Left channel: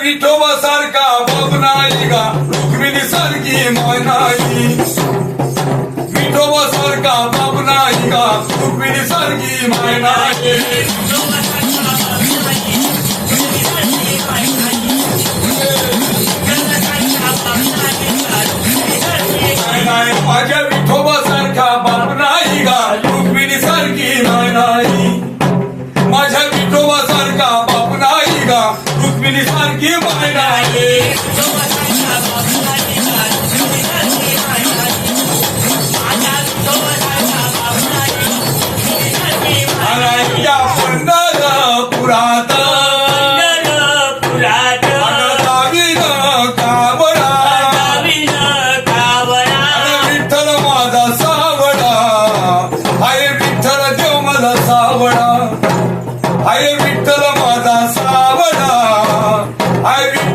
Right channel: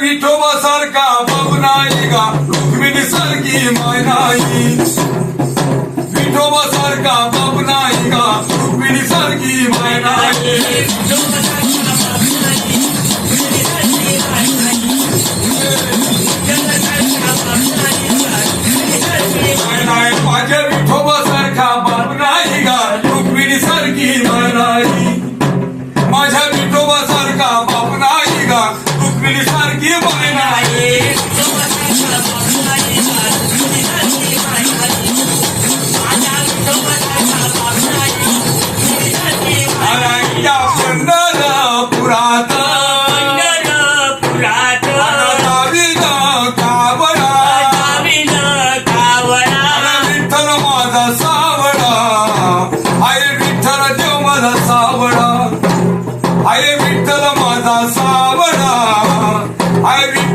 Vithoba sir का बबनाएगा Rukmini sir की मनाई विठोबा सर का बबनाएगा रुक्मिणी सर की मनाई माझ्या सारखी बायना I